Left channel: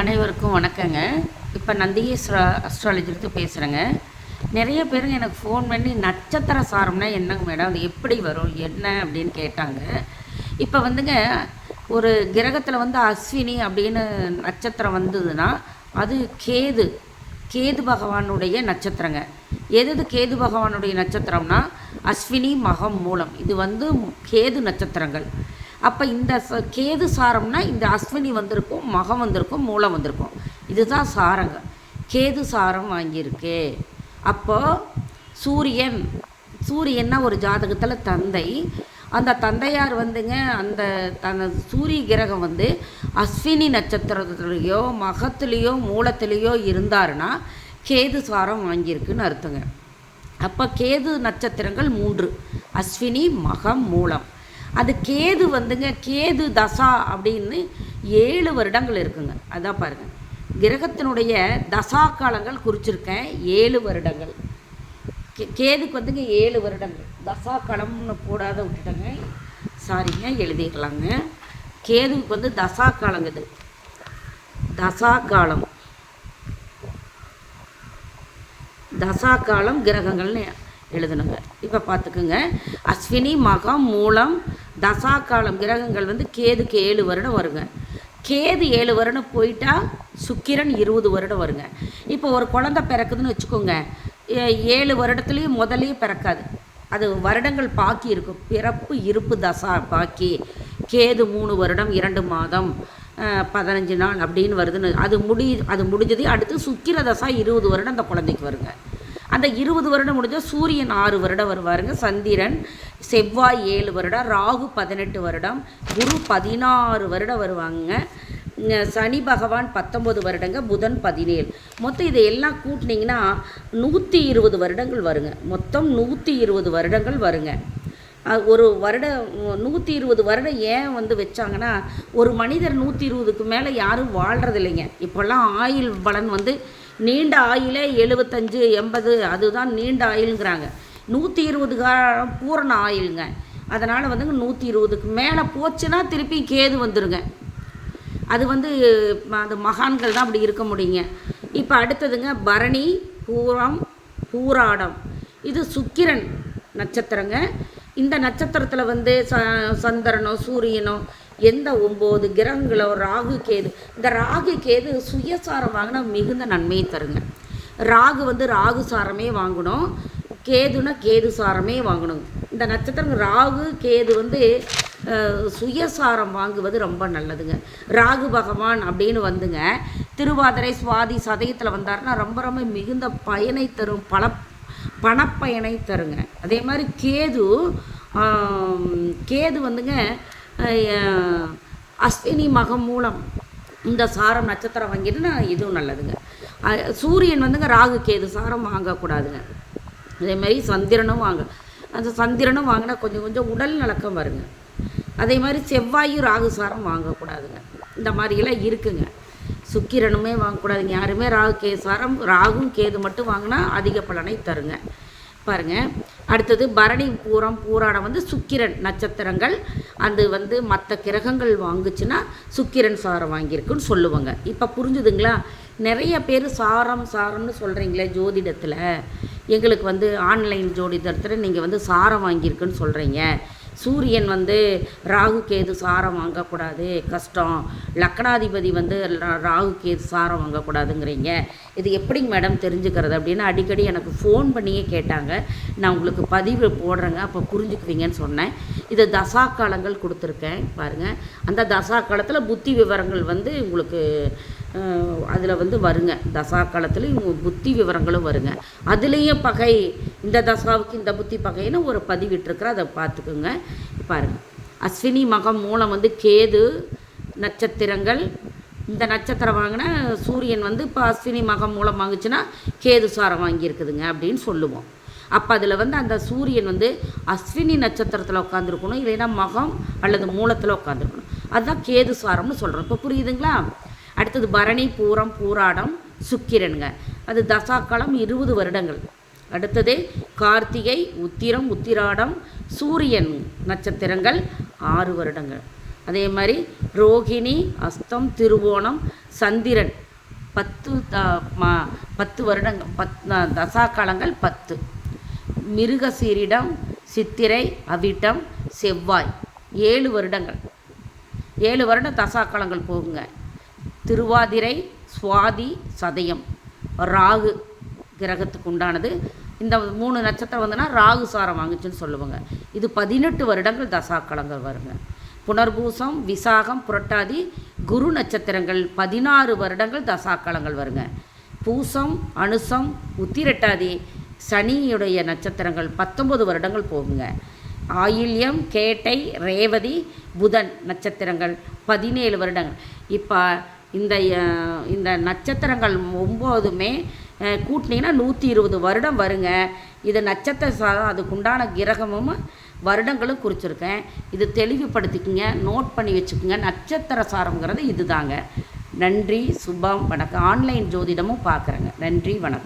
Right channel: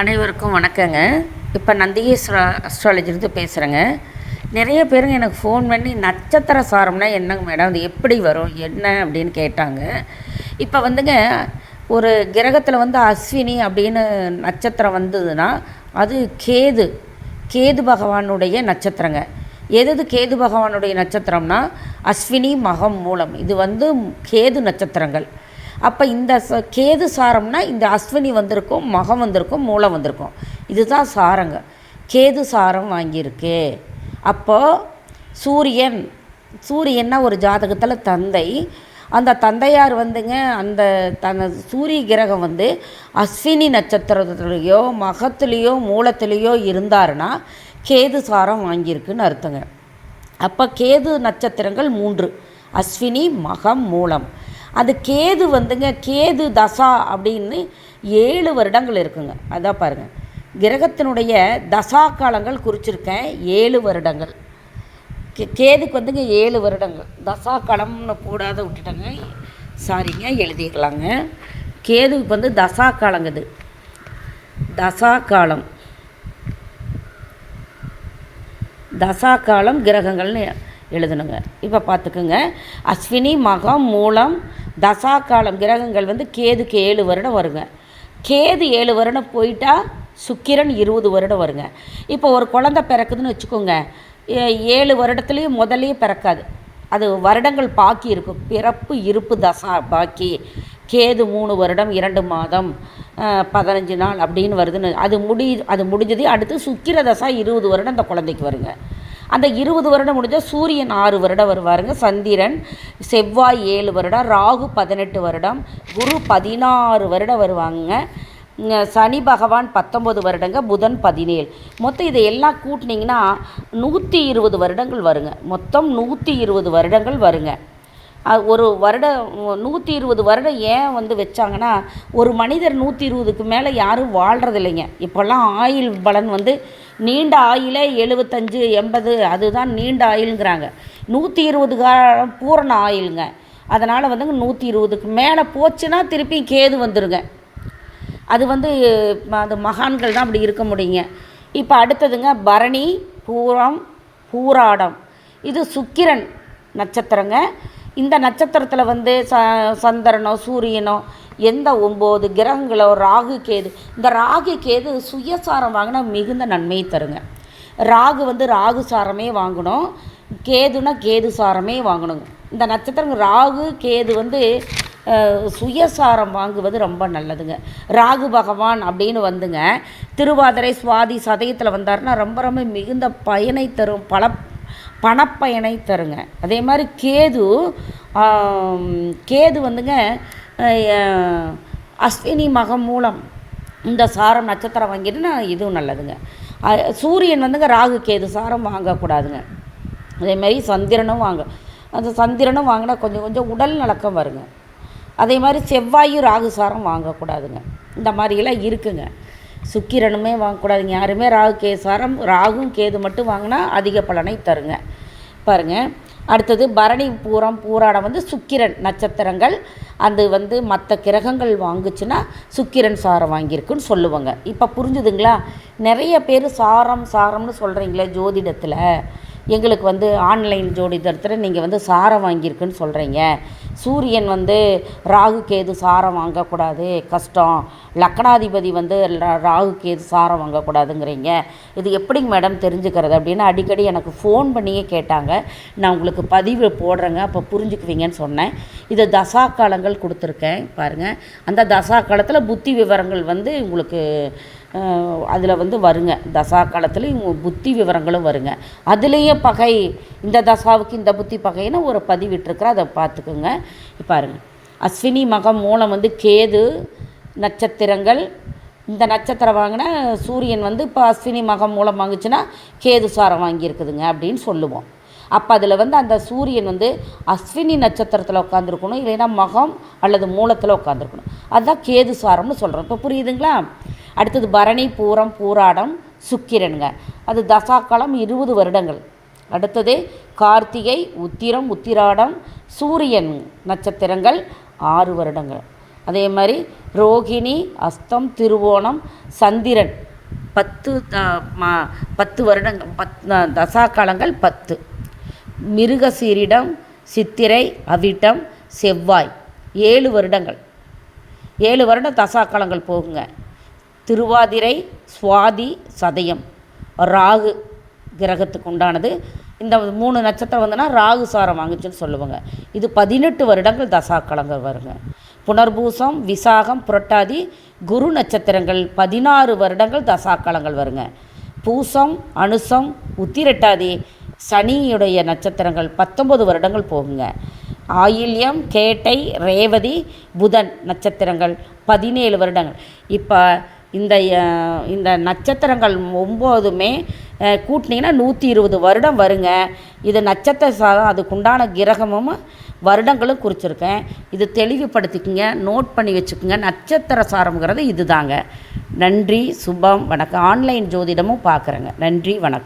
அனைவருக்கும் வணக்கங்க. இப்போ நந்திகேஸ்வர அஸ்ட்ராலஜிலிருந்து பேசுகிறேங்க. நிறைய பேருங்க எனக்கு ஃபோன் பண்ணி நட்சத்திர சாரம்னா என்னங்க மேடம், அது எப்படி வரும் என்ன அப்படின்னு கேட்டாங்க. இப்போ வந்துங்க ஒரு கிரகத்தில் வந்து அஸ்வினி அப்படின்னு நட்சத்திரம் வந்ததுன்னா அது கேது பகவானுடைய நட்சத்திரங்க. எது கேது பகவானுடைய நட்சத்திரம்னா அஸ்வினி மகம் மூலம், இது வந்து கேது நட்சத்திரங்கள். அப்போ இந்த கேது சாரம்னா இந்த அஸ்வினி வந்திருக்கும், மகம் வந்திருக்கும், மூலம் வந்திருக்கும். இதுதான் சாரங்க. கேது சாரம் வாங்கியிருக்கு. அப்போது சூரியன்னா ஒரு ஜாதகத்தில் தந்தை. அந்த தந்தையார் வந்துங்க அந்த சூரிய கிரகம் வந்து அஸ்வினி நட்சத்திரத்துலேயோ மகத்துலேயோ மூலத்துலேயோ இருந்தாருன்னா கேது சாரம் வாங்கியிருக்குன்னு அர்த்தங்க. அப்போ கேது நட்சத்திரங்கள் 3: அஸ்வினி, மகம், மூலம். அது கேது வந்துங்க கேது தசா அப்படின்னு 7 வருடங்கள் இருக்குங்க. அதான் பாருங்கள், கிரகத்தினுடைய தசா காலங்கள் குறிச்சிருக்கேன் 7 வருடங்கள். கேதுக்கு வந்துங்க 7 வருடங்கள். தசா காலம்னு கூடாத விட்டுட்டேங்க, சாரிங்க, எழுதிக்கலாங்க. கேதுவுக்கு வந்து தசா காலங்குது, தசா காலம் கிரகங்கள்னு எழுதணுங்க. இப்போ பார்த்துக்குங்க, அஸ்வினி, மகம், மூலம், தசா காலம் கிரகங்கள் வந்து கேதுக்கு 7 வருடம் வருங்க. கேது 7 வருடம் போயிட்டா சுக்கிரன் 20 வருடம் வருங்க. இப்போ ஒரு குழந்தை பிறக்குதுன்னு வச்சுக்கோங்க, 7 வருடத்துலேயும் முதலே பிறக்காது, அது வருடங்கள் பாக்கி இருக்கும். பிறப்பு இருப்பு தசா பாக்கி. கேது 3 வருடம் 2 மாதம் 15 நாள் அப்படின்னு வருதுன்னு அது முடிஞ்சது. அடுத்து சுக்கிர தசா 20 வருடம் அந்த குழந்தைக்கு வருங்க. அந்த 20 வருடம் முடிஞ்சால் சூரியன் 6 வருடம் வருவாருங்க. சந்திரன், செவ்வாய் 7 வருடம், ராகு 18 வருடம், குரு 16 வருடம் வருவாங்க. சனி பகவான் 19 வருடங்க, புதன் 17. மொத்தம் இதை எல்லாம் கூட்டினீங்கன்னா 120 வருடங்கள் வருங்க. மொத்தம் 120 வருடங்கள் வருங்க. ஒரு வருடம் 120 வருடம் ஏன் வந்து வச்சாங்கன்னா, ஒரு மனிதர் 120க்கு மேலே யாரும் வாழ்கிறதில்லைங்க. இப்போல்லாம் ஆயுள் பலன் வந்து நீண்ட ஆயிலே 75 80, அதுதான் நீண்ட ஆயுளுங்கிறாங்க. 120 காலம் பூரண ஆயுளுங்க. அதனால் வந்துங்க 120க்கு மேலே போச்சுன்னா திருப்பி கேது வந்துடுங்க. அது வந்து அந்த மகான்கள் தான் அப்படி இருக்க முடியுங்க. இப்போ அடுத்ததுங்க பரணி, பூரம், பூராடம். இது சுக்கிரன் நட்சத்திரங்க. இந்த நட்சத்திரத்தில் வந்து சந்திரனோ சூரியனோ எந்த 9 கிரகங்களோ ராகு கேது, இந்த ராகு கேது சுயசாரம் வாங்கினா மிகுந்த நன்மையை தருங்க. ராகு வந்து ராகு சாரமே வாங்கணும், கேதுனா கேது சாரமே வாங்கணுங்க. இந்த நட்சத்திரம் ராகு கேது வந்து சுயசாரம் வாங்குவது ரொம்ப நல்லதுங்க. ராகு பகவான் அப்படின்னு வந்துங்க திருவாதிரை சுவாதி சதயத்தில் வந்தாருன்னா ரொம்ப ரொம்ப மிகுந்த பயனை தரும், பணப்பயனை தருங்க. அதே மாதிரி கேது வந்துங்க அஸ்வினி மகம் மூலம் இந்த சாரம் நட்சத்திரம் வாங்கிட்டுன்னா இதுவும் நல்லதுங்க. சூரியன் வந்துங்க ராகு கேது சாரம் வாங்கக்கூடாதுங்க. அதேமாதிரி அந்த சந்திரனும் வாங்கினா கொஞ்சம் உடல் நலக்கம் வருங்க. அதே மாதிரி செவ்வாயும் ராகு சாரம் வாங்கக்கூடாதுங்க. இந்த மாதிரிலாம் இருக்குங்க. சுக்கிரனுமே வாங்கக்கூடாதுங்க. யாருமே ராகு கேது சாரம், ராகும் கேது மட்டும் வாங்கினா அதிக பலனை தருங்க. பாருங்கள், அடுத்தது பரணி, பூரம், பூராடம் வந்து சுக்கிரன் நட்சத்திரங்கள். அது வந்து மற்ற கிரகங்கள் வாங்குச்சுன்னா சுக்கிரன் சாரம் வாங்கியிருக்குன்னு சொல்லுவாங்க. இப்போ புரிஞ்சுதுங்களா? நிறைய பேர் சாரம்னு சொல்கிறீங்களே ஜோதிடத்தில், எங்களுக்கு வந்து ஆன்லைன் ஜோதிடத்தில் நீங்கள் வந்து சாரம் வாங்கியிருக்குன்னு சொல்கிறீங்க. சூரியன் வந்து ராகு கேது சாரம் வாங்கக்கூடாது, கஷ்டம். லக்னாதிபதி வந்து ராகு கேது சாரம் வாங்கக்கூடாதுங்கிறீங்க, இது எப்படிங்க மேடம் தெரிஞ்சுக்கிறது அப்படின்னு அடிக்கடி எனக்கு ஃபோன் பண்ணியே கேட்டாங்க. நான் உங்களுக்கு பதிவு போடுறேங்க, அப்போ புரிஞ்சுக்குவீங்கன்னு சொன்னேன். இது தசா காலங்கள் கொடுத்துருக்கேன் பாருங்கள். அந்த தசா காலத்தில் புத்தி விவரங்கள் வந்து உங்களுக்கு அதில் வந்து வருங்க. தசா காலத்துலேயும் புத்தி விவரங்களும் வருங்க. அதுலேயும் பகை, இந்த தசாவுக்கு இந்த புத்தி பகைன்னு ஒரு பதிவிட்டிருக்கிற, அதை பார்த்துக்குங்க. பாருங்கள், அஸ்வினி மகம் மூலம் வந்து கேது நட்சத்திரங்கள். இந்த நட்சத்திரம் வாங்கினா சூரியன் வந்து இப்போ அஸ்வினி மகம் மூலம் வாங்குச்சுன்னா கேது சாரம் வாங்கியிருக்குதுங்க அப்படின்னு சொல்லுவோம். அப்போ அதில் வந்து அந்த சூரியன் வந்து அஸ்வினி நட்சத்திரத்தில் உட்காந்துருக்கணும், இல்லைன்னா மகம் அல்லது மூலத்தில் உட்காந்துருக்கணும். அதுதான் கேது சாரம்னு சொல்கிறோம். இப்போ புரியுதுங்களா? அடுத்தது பரணி, பூரம், பூராடம் சுக்கிரனுங்க. அது தசாக்காலம் 20 வருடங்கள். அடுத்தது கார்த்திகை, உத்திரம், உத்திராடம், சூரியன் நட்சத்திரங்கள் 6 வருடங்கள். அதே மாதிரி ரோகிணி, அஸ்தம், திருவோணம், சந்திரன் 10 வருடங்கள், தசா காலங்கள் 10. மிருகசீரிடம், சித்திரை, அவிட்டம், செவ்வாய் 7 வருடங்கள். 7 வருடம் தசா காலங்கள் போகுங்க. திருவாதிரை, சுவாதி, சதயம் ராகு கிரகத்துக்கு உண்டானது. இந்த 3 நட்சத்திரம் வந்துன்னா ராகு சாரம் வாங்குச்சுன்னு சொல்லுவாங்க. இது 18 வருடங்கள் தசா காலங்கள் வருங்க. புனர்பூசம், விசாகம், புரட்டாதி குரு நட்சத்திரங்கள் 16 வருடங்கள் தசா காலங்கள் வருங்க. பூசம், அனுசம், உத்திரட்டாதி சனியுடைய நட்சத்திரங்கள் 19 வருடங்கள் போகுங்க. ஆயில்யம், கேட்டை, ரேவதி, புதன் நட்சத்திரங்கள் 17 வருடங்கள். இப்போ இந்த நட்சத்திரங்கள் 9மே கூட்டினீங்கன்னா 120 வருடம் வருங்க. இது நட்சத்திர சாரம், அதுக்குண்டான கிரகமும் வருடங்களும் குறிச்சிருக்கேன். இது தெளிவுபடுத்திக்கங்க, நோட் பண்ணி வச்சுக்கோங்க. நட்சத்திர சாரம்ங்கிறது இது தாங்க. நன்றி, சுபம், வணக்கம். ஆன்லைன் ஜோதிடமும் பார்க்குறேங்க. நன்றி, வணக்கம்.